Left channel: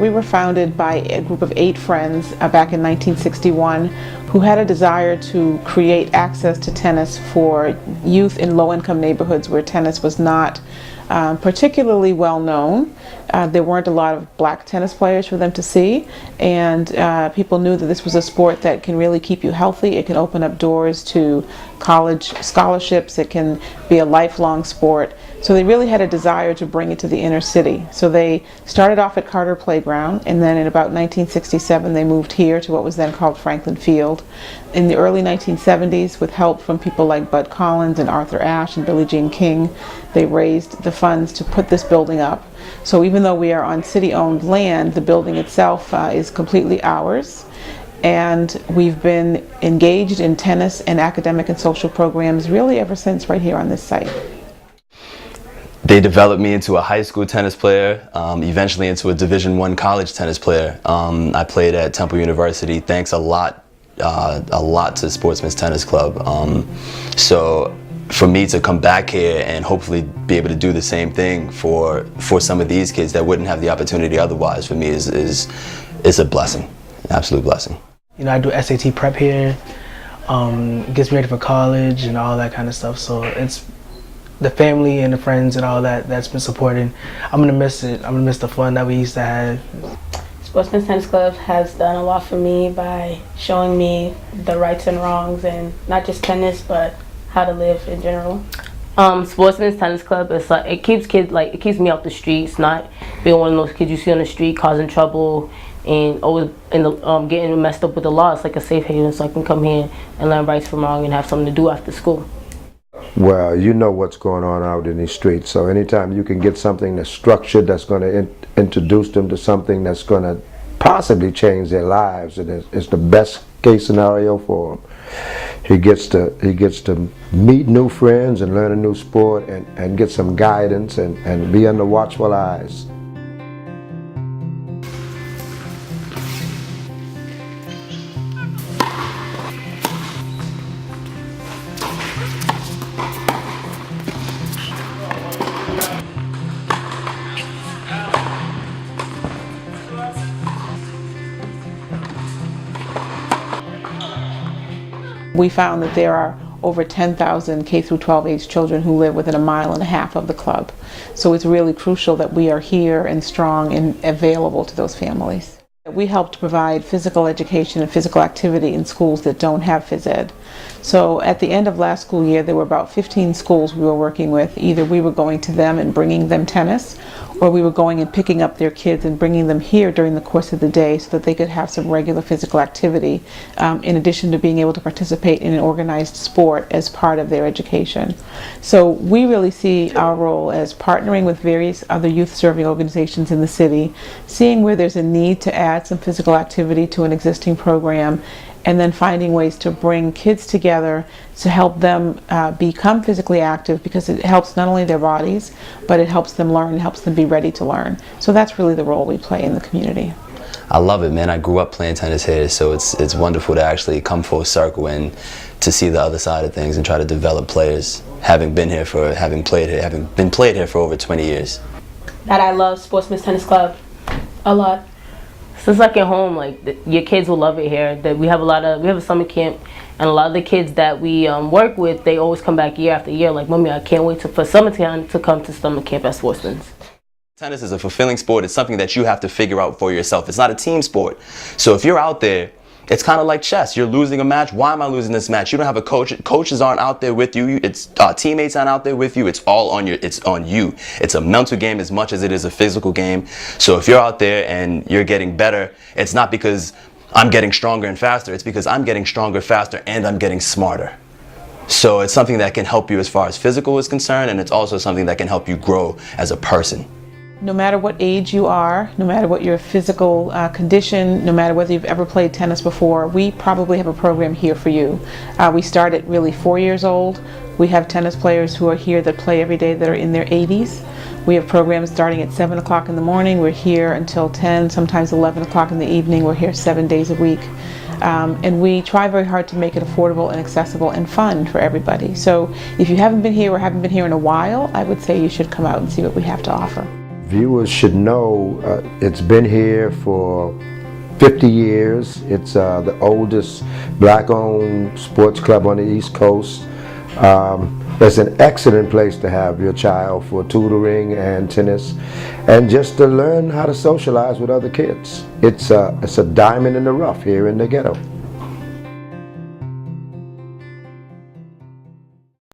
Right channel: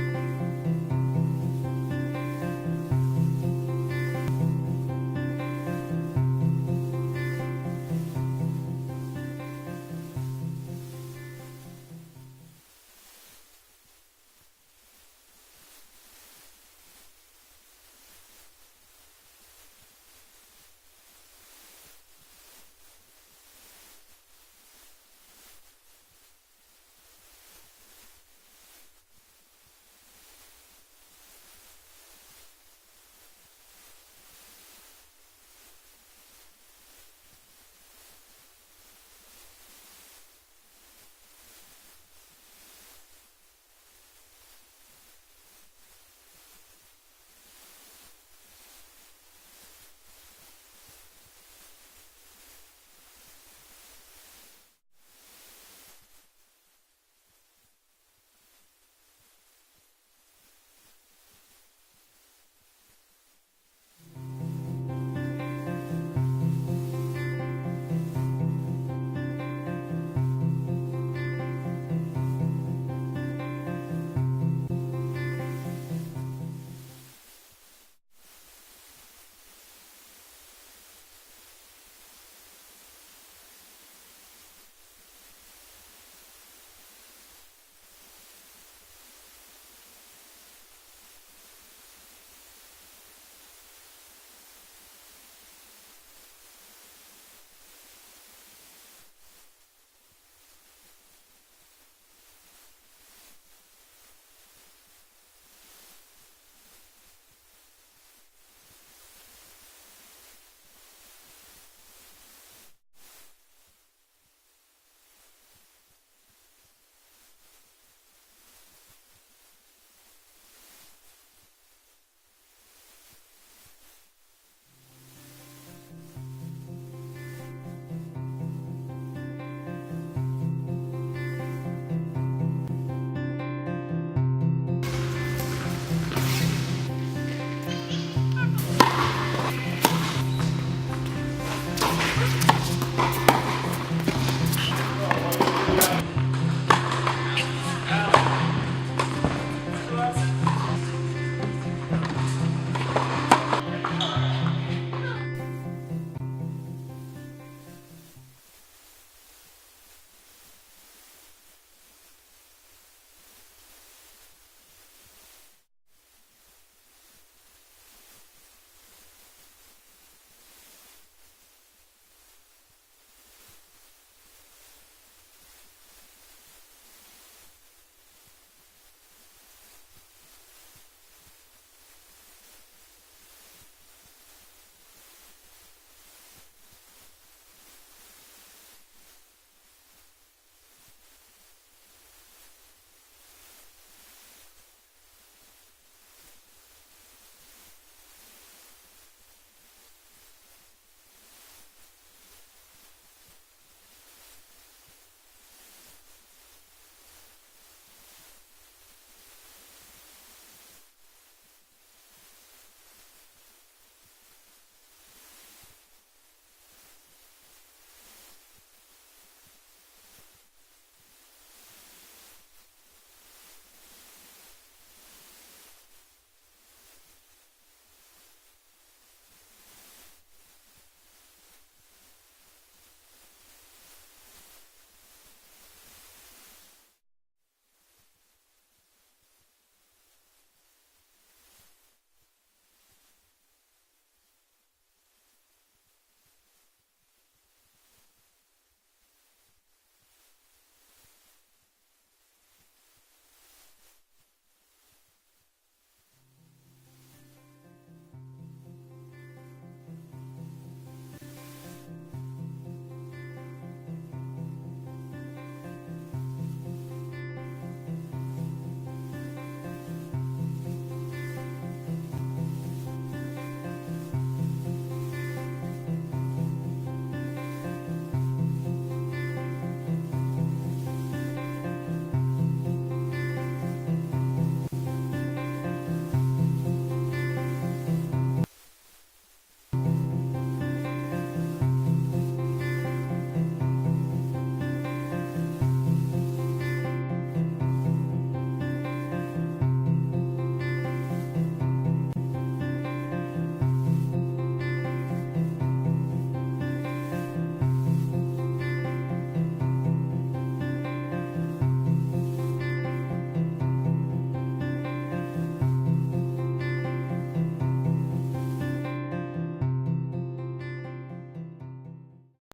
We were founded by a group of 8 friends back in 1961 who had a desire to create access to tennis for youth in low-income neighborhoods where tennis was not particularly well known. There weren't a lot of black tennis players for them to see, and people knew that this was a sport that can really keep you healthy. It can open up doors to college scholarships. It can be a lifelong sport. So they really had a desire to bring it to the inner city. So they started off at Carter Playground, and then in about 1967 they moved here to what was then called Franklin Field. In the early 1970s, with help from people like Bud Collins and Arthur Ashe and Billie Jean King, they raised the funds to put this building up. So even though we are on city-owned land, the building itself is completely ours. And we've been engaged in tennis and academic and social programs really ever since, right here on this site. They developed me into a high school tennis player, eventually into a Division I college tennis player. I played at Temple University, thanks a lot to Sportsman Tennis Club. So for me to come back here and hopefully be able to do the same thing for some of these kids that wouldn't have the opportunity otherwise, for me is a blessing, an absolute blessing. You know, I do SAT prep here, gets me ready for college and all that kind of stuff. So it's the family and the friends and all that's been supporting. I'm gonna miss it. I'm gonna miss the fun that we used to have. Sportsman Tennis Club has done a lot for me by showing me the rights and wrongs, and not just tennis, but how to live in general. Sportsman Tennis Club is like, it keeps me off the streets, not being one of those kids you see on the street causing trouble and always getting messed up with the law. It's like a safe haven, so I can come here and learn rights from wrong and have something to do after school. Well, you know what's going on out in these streets, so anytime you can get something that's structured, that's going to introduce them to something that's going to possibly change their lives, and it's the best case scenario for them. He gets to meet new friends and learn a new sport and get some guidance and be under watchful eyes. We found that there are over 10,000 K through 12 age children who live within 1.5 miles of the club. So it's really crucial that we are here and strong and available to those families. We help to provide physical education and physical activity in schools that don't have phys ed. So at the end of last school year, there were about 15 schools we were working with. Either we were going to them and bringing them tennis, or we were going and picking up their kids and bringing them here during the course of the day so that they could have some regular physical activity, in addition to being able to participate in an organized sport as part of their education. So we really see our role as partnering with various other youth-serving organizations in the city, seeing where there's a need to add some physical activity to an existing program, and then finding ways to bring kids together to help them become physically active, because it helps not only their bodies, but it helps them learn, it helps them be ready to learn. So that's really the role we play in the community. I love it, man. I grew up playing tennis here, so it's wonderful to actually come full circle and to see the other side of things and try to develop players, having been played here for over 20 years. That I love Sportsman Tennis Club a lot. So it's like at home, like your kids will love it here. That we have a summer camp, and a lot of the kids that we work with, they always come back year after year. Like, Mommy, I can't wait for summertime to come to summer camp at Sportsman's. Tennis is a fulfilling sport. It's something that you have to figure out for yourself. It's not a team sport. So if you're out there, it's kind of like chess. You're losing a match. Why am I losing this match? You don't have a coach. Coaches aren't out there with you. It's teammates aren't out there with you. It's all on it's on you. It's a mental game as much as it is a physical game. So if you're out there and you're getting better, it's not because I'm getting stronger and faster. It's because I'm getting stronger, faster, and I'm getting smarter. So it's something that can help you as far as physical is concerned, and it's also something that can help you grow as a person. No matter what age you are, no matter what your physical condition, no matter whether you've ever played tennis before, we probably have a program here for you. We start at really 4 years old. We have tennis players who are here that play every day that are in their 80s. We have programs starting at 7 o'clock in the morning. We're here until 10, sometimes 11 o'clock in the evening. We're here 7 days a week. And we try very hard to make it affordable and accessible and fun for everybody. So if you haven't been here or haven't been here in a while, I would say you should come out and see what we have to offer. viewers should know it's been here for 50 years. It's the oldest black-owned sports club on the East Coast. It's an excellent place to have your child for tutoring and tennis, and just to learn how to socialize with other kids. It's a diamond in the rough here in the ghetto.